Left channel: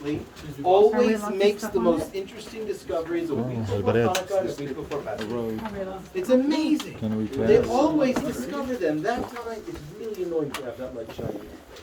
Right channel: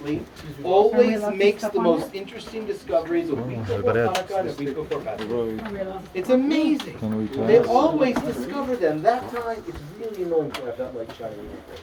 honestly, always makes the most interesting discoveries a week before Hanukkah and a week before Passover. It's amazing. They always discover them. That time, it's really annoying to have that light shining in your face.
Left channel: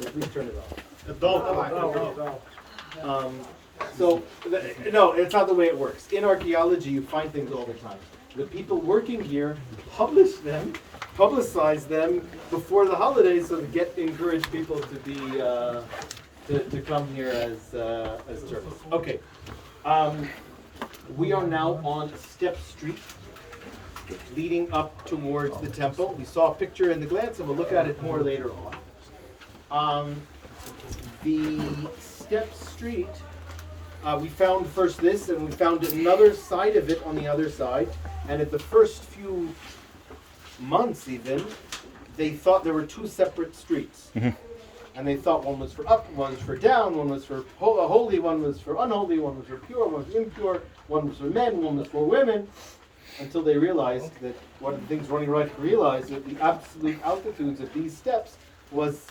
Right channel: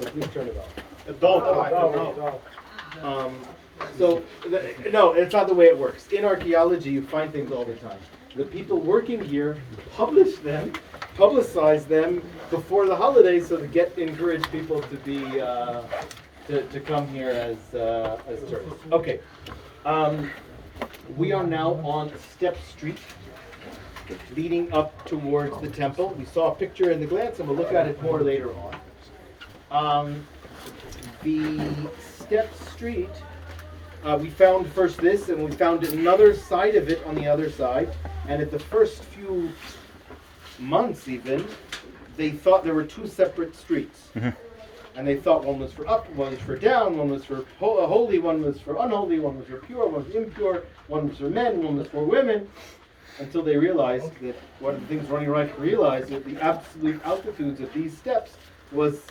So please turn it off. No, it's not the way it works. In archaeology, you find things all the time. The people working here publicize them before the holidays, so to encourage people to be to come here as tourists. Okay, we are now on a step street leading up towards the temple. We saw a picture in the glance, and we'll look at it more later on. The step street. We found first this, and we found another side of it on the other side. And at the first few months even, they thought there were two separate streets. And they thought one was for up, one was for down, one was for holy, one was for unholy, one was for pure, one was impure, one was for men, one was for women. Until they realized that one of the things Ronnie Reich realized that the absolute altitudes of these steps was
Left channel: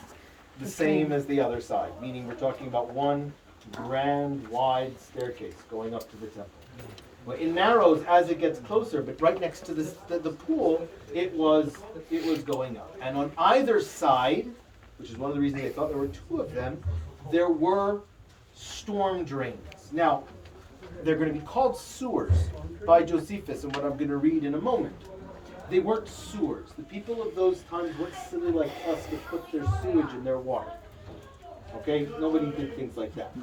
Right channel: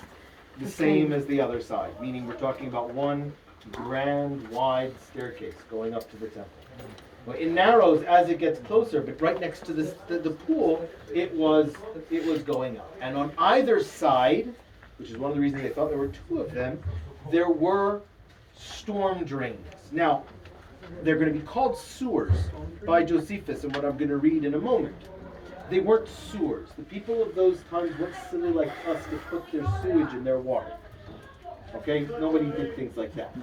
the same as the other side. Meaning we're talking about one grand, wide staircase going up to the temple. Well, it narrows as it gets closer, but right next to the pool, it was going up. And on either side, which is one of the reasons they thought there were two of them, there were storm drains. Now, they're going to be called sewers by Josephus, and what I'm going to read in a moment. They weren't sewers. The people of those times weren't silly like us to put their sewage in their water. Okay, nobody did things like that.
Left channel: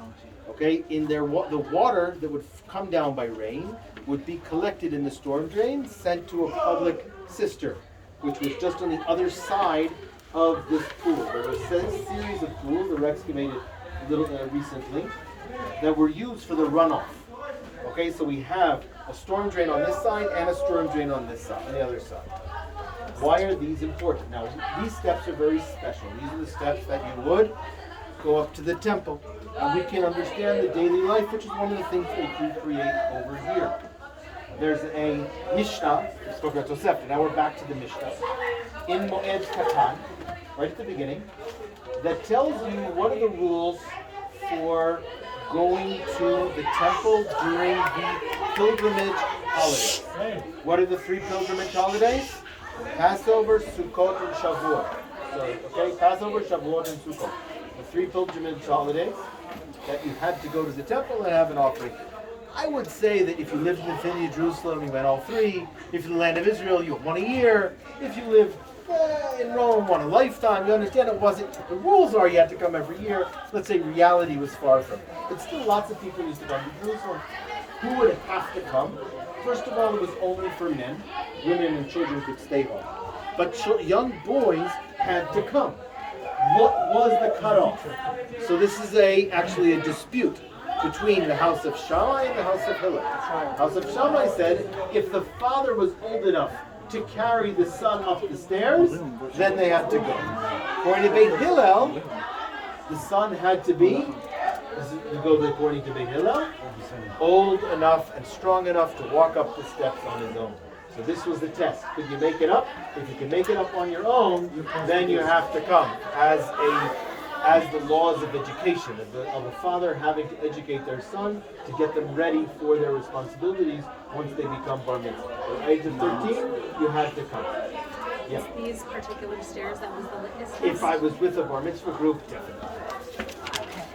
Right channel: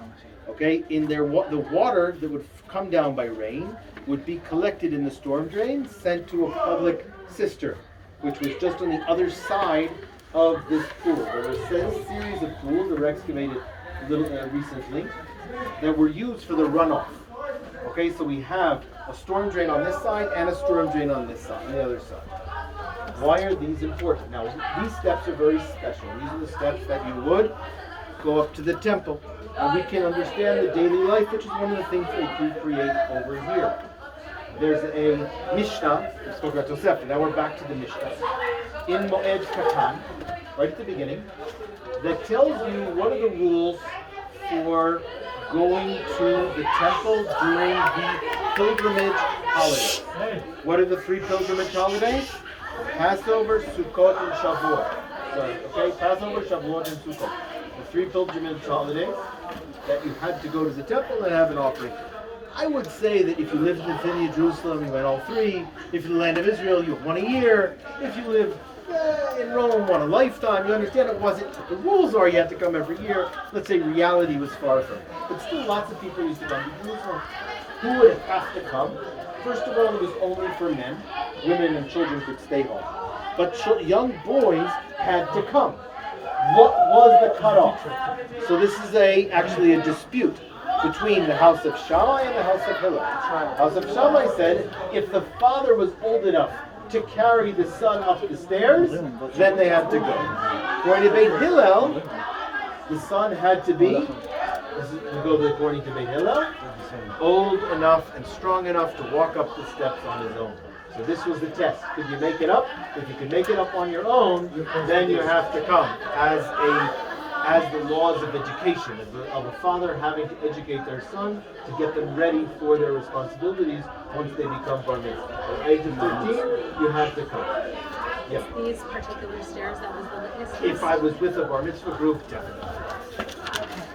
Okay, in the water that would come down by rain would be collected in the storm drain, sent to a public cistern, which was just on the other side of this pool. There were a series of pools that were excavated recently that were used for the runoff. Okay, so we have a storm drain on this side and a storm drain on this side, on the other side. Why are these important? Now, these steps are very special. These are the steps that you would go up to the temple, and we can understand the daily life, which is one of the things they recreate over here. There's a Mishnah, we spoke about Tosefta, now we're back to the Mishnah, in Moed Katan, right at the beginning, that tells you what are the rules for going to the temple during the pilgrimage holidays. What are the three pilgrimage holidays? Passover, Sukkot, and Shavuot. Okay, Passover, Shavuot, and Sukkot. The three pilgrimage holidays that you had to go to the temple and have an offering. I would say that if you lived within Jerusalem, you went all three. If you're in the land of Israel, you won a year. If you live in Rome, won a lifetime. You understand it wasn't, the rules are you had to come every year. Let's say reality was far from it. But still lots of people used to come to Jerusalem. Who would have to come? First of all, it was only for men. Women and children could stay home. But young boys had to come. What was the cutoff? So this is actually a dispute between the house of Shammai and the house of Hillel. House of Shammai said if the father was old enough to carry the son up the stairs, then they had to go. According to Beit Hillel, the son had to be, according to Beit Hillel, old enough and strong enough to walk up the steps on his own. So this was the test. Could you make it up? If you can make it up on your own, then you have to come as the laws of education, of a father having to educate their son to get them ready for their responsibilities once they become bar mitzvah. At the age of 13, you have to come. Yeah. These particular stairs, that was the litmus test? If I was with a bar mitzvah group, definitely.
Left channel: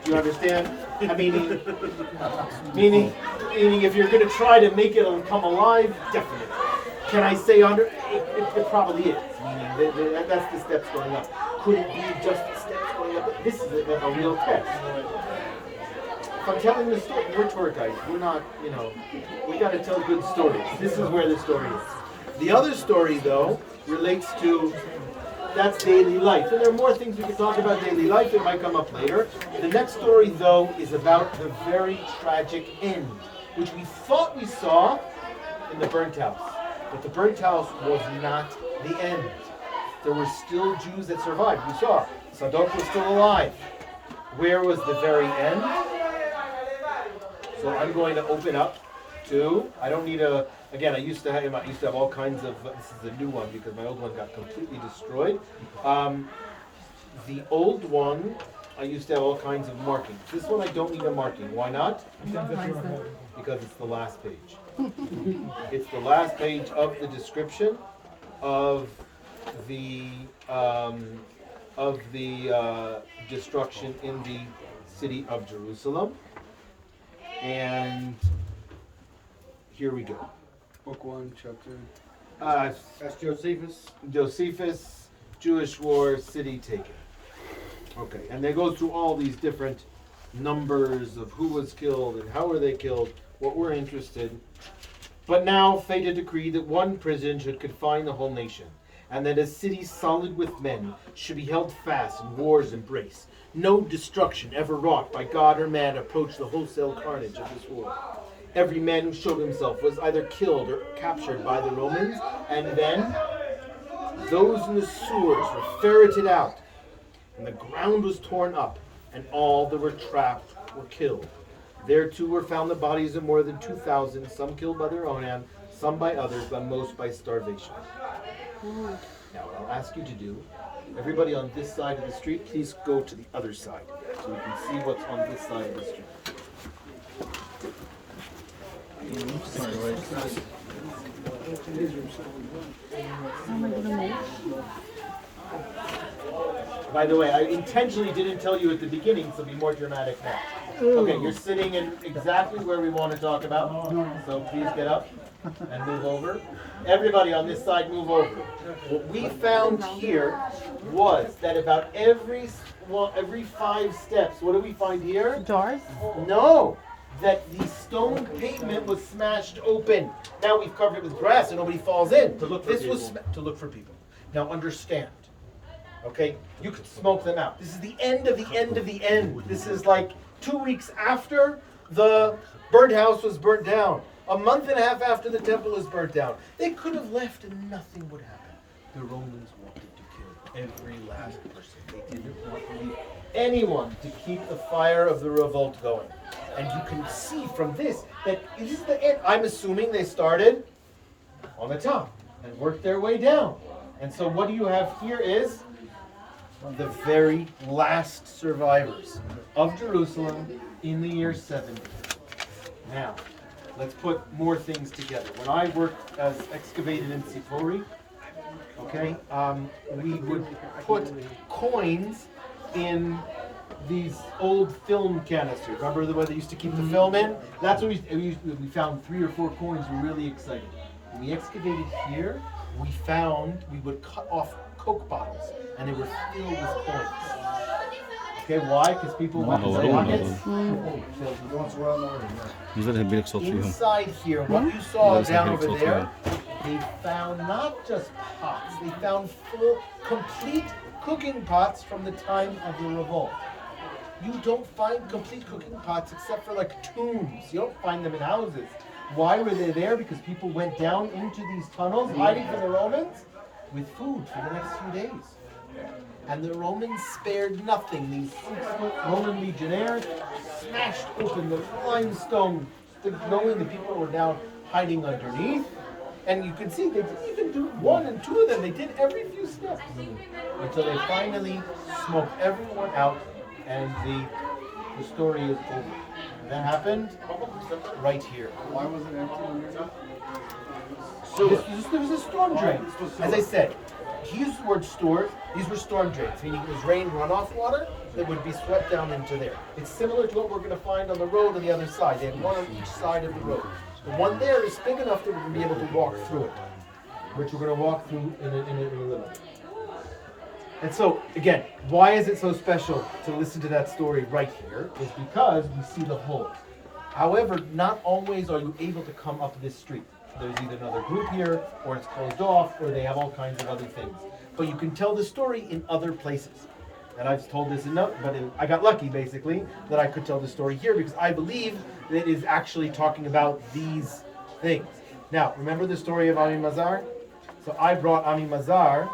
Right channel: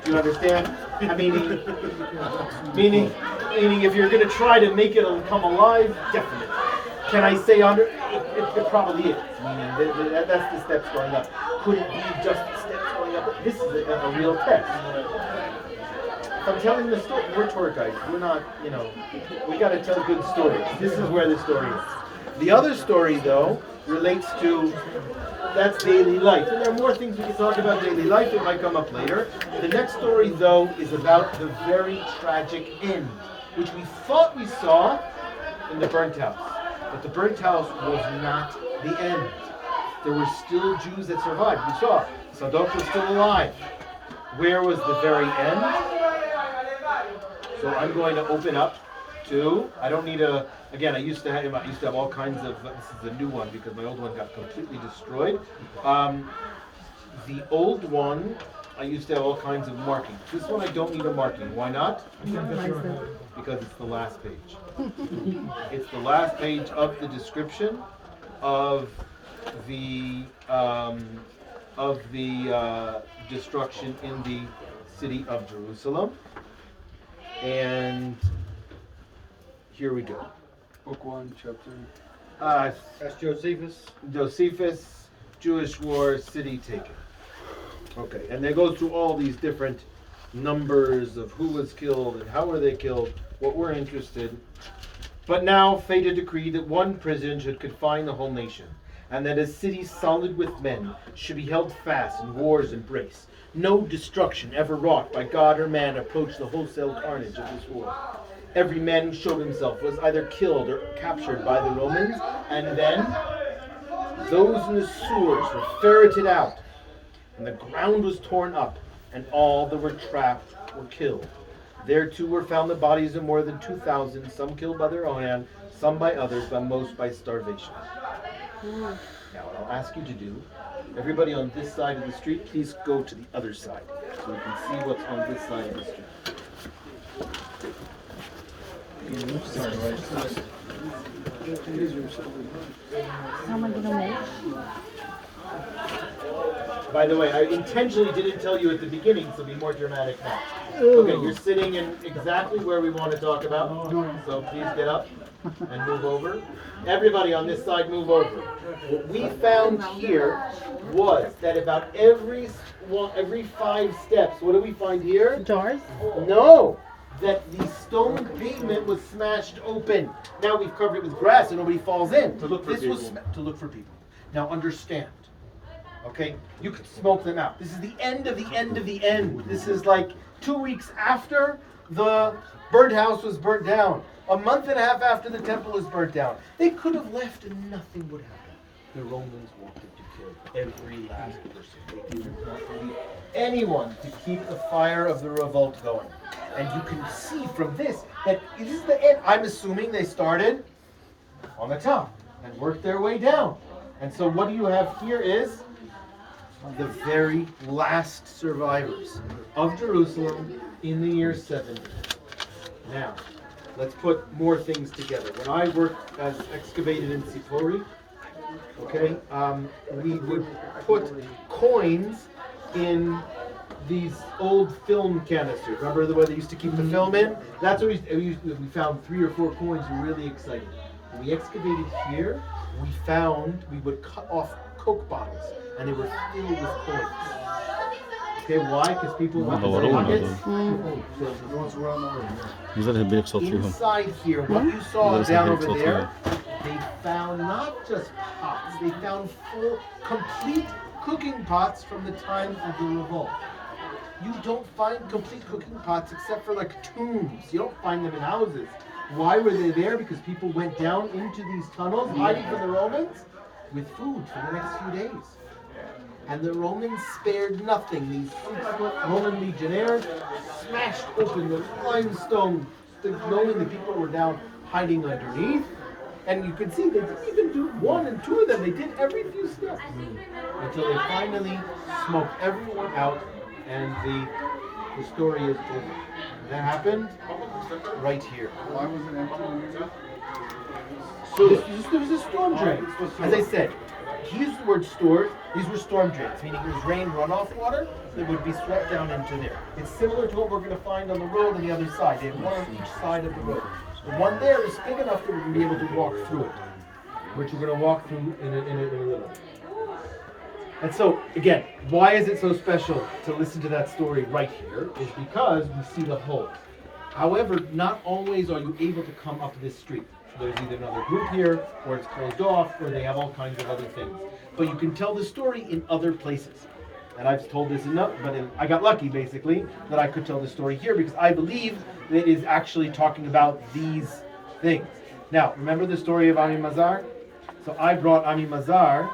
Do you understand? Meaning if you're going to try to make it come alive, definitely. Can I say under? It probably is. Meaning that's the steps going up. Could it be just the steps going up? This is a real test. If I'm telling the story, we're tour guides. We're not, we got to tell good stories. This is where the story is. The other story, though, relates to that's daily life. And there are more things we can talk about daily life. It might come up later. The next story, though, is about the very tragic end, which we thought we saw in the burnt house. But the burnt house was not the end. There were still Jews that survived. We saw Sadok was still alive. Where was the very end? So I'm going to open up to, I don't need again, I used to have all kinds of, this is a new one because my old one got completely destroyed. The old one I used to have all kinds of markings. This one I don't need a marking. Why not? Because it's the last page. It's the last page of the description of the destruction in the city of Jerusalem. And here we go. Book 1, chapter. That's Josephus, Jewish war, city taken. Okay, and they go through all these different numbers of who was killed and how were they killed, what we're interested. But now fate had decreed that one prison should confine the whole nation, and that a city solid with men should be held fast and wars embrace. No destruction ever wrought by God or man approached the wholesale carnage of this war. Every man who showed himself was either killed or captured by the Romans, and then those in the sewers were ferreted out, and the ground was torn up, and all that were trapped were killed. There too were found the bodies of more than 2,000, some killed by their own hand, some by others, but most by starvation. Now what I'll ask you to do, everybody on this side of the street, please go to the other side, so we can see what's on this side of the street. By the way, I intentionally didn't tell you at the beginning to be more dramatic now. Okay, you're sitting in exactly where we want to talk about, so please get up and move over. Everybody on this side, move over. What we found here was that about every 5 steps, what do we find here? Jars? No, that the stone pavement was smashed open. Now we've covered it with grass and nobody falls in. To look for people. Now understand. Okay, you could smoke them out. This is the end of the end of the end. This is like 2 weeks after the burnt house was burnt down. A month and a half after the temple is burnt down. They could have left and nothing would happen. The Romans wanted to kill every last person. They didn't want to leave anyone to keep the fire of the revolt going. And you can see from this that this is the end. I'm assuming they started on the top and worked their way down. And so what you have here is the very last survivors of Jerusalem in the year 70. Now, let's put more things together. When I worked as excavated in Sipori, okay, we would put coins in these old film canisters. Remember the way they used to keep the film in? That's what we found 3 or 4 coins. We were really excited. When we excavated here, we would cut off Coke bottles, and they were filled with coins. Okay, why? Because people went to inside here, what you saw down over there, they found not just pots, they found full, complete cooking pots from the time of the revolt. You don't find complete cooking pots except for like tombs. You don't find them in houses. Why were they there? Because people went down into these tunnels, hiding from the Romans, with food for the next few days. And the Romans spared nothing. These Roman legionnaires smashed open the limestone, knowing the people were down hiding underneath. And you can see they didn't even do 1 and 2 of them. They did every few steps until they finally smoked everyone out, and the story is over. That happened right here. Why was it empty? So there was a storm drain. As I said, he used the word store. These were storm drains, meaning it was rain runoff water that would be swept down into there. It's similar to what we're going to find on the road on the other side. They have one on each side of the road. The one there is big enough that we're going to be able to walk through it, which we're going to walk through in a little. And so, again, why is it so special to listen to that story right here? Is because we see the whole. However, not always are you able to come up this street. There's either another group here, or it's closed off, or they have all kinds of other things. But you can tell the story in other places. And I've told this enough, but I got lucky, basically, that I could tell the story here, because I believe that it is actually talking about these things. Now, remember the story of Ami Mazar? So I brought Ami Mazar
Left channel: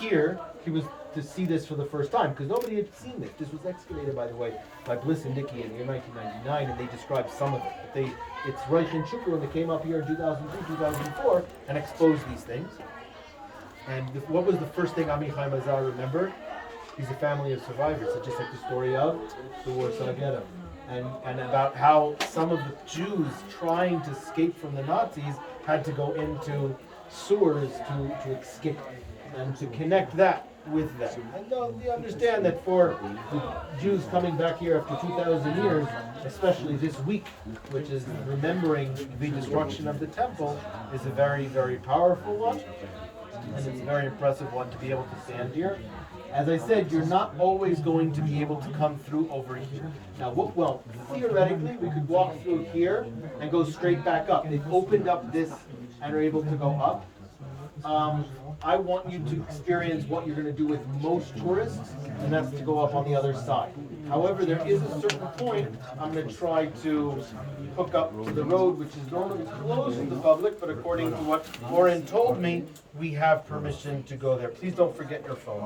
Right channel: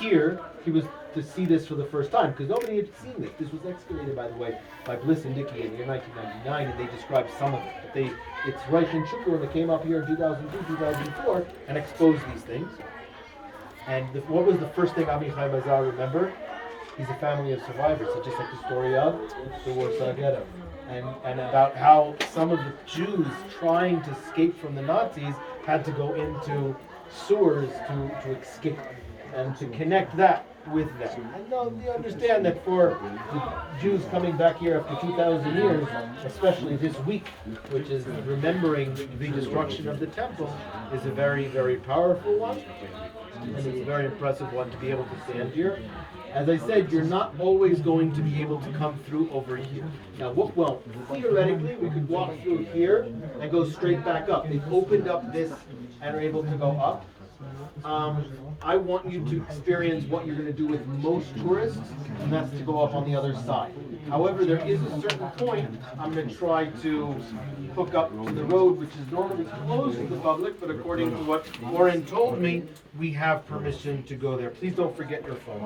here. He was to see this for the first time, because nobody had seen this. This was excavated, by the way, by Bliss and Nicky in the year 1999, and they described some of it. But it's Reich and Shukr when they came up here in 2002, 2004, and exposed these things. And what was the first thing Ami Mazar remembered? He's a family of survivors. It's just like the story of the Warsaw Ghetto. And about how some of the Jews trying to escape from the Nazis had to go into sewers to escape and to connect that with them. And you understand that for the Jews coming back here after 2,000 years, especially this week, which is remembering the destruction of the temple, is a very, very powerful one. And it's a very impressive one to be able to stand here. As I said, you're not always going to be able to come through over here. Now, well, theoretically, we could walk through here and go straight back up. They've opened up this and are able to go up. I want you to experience what you're going to do with most tourists, and that's to go up on the other side. However, there is a certain point I'm going to try to hook up to the road, which is normally closed to the public, but according to what Lauren told me, we have permission to go there. Please don't forget your phone.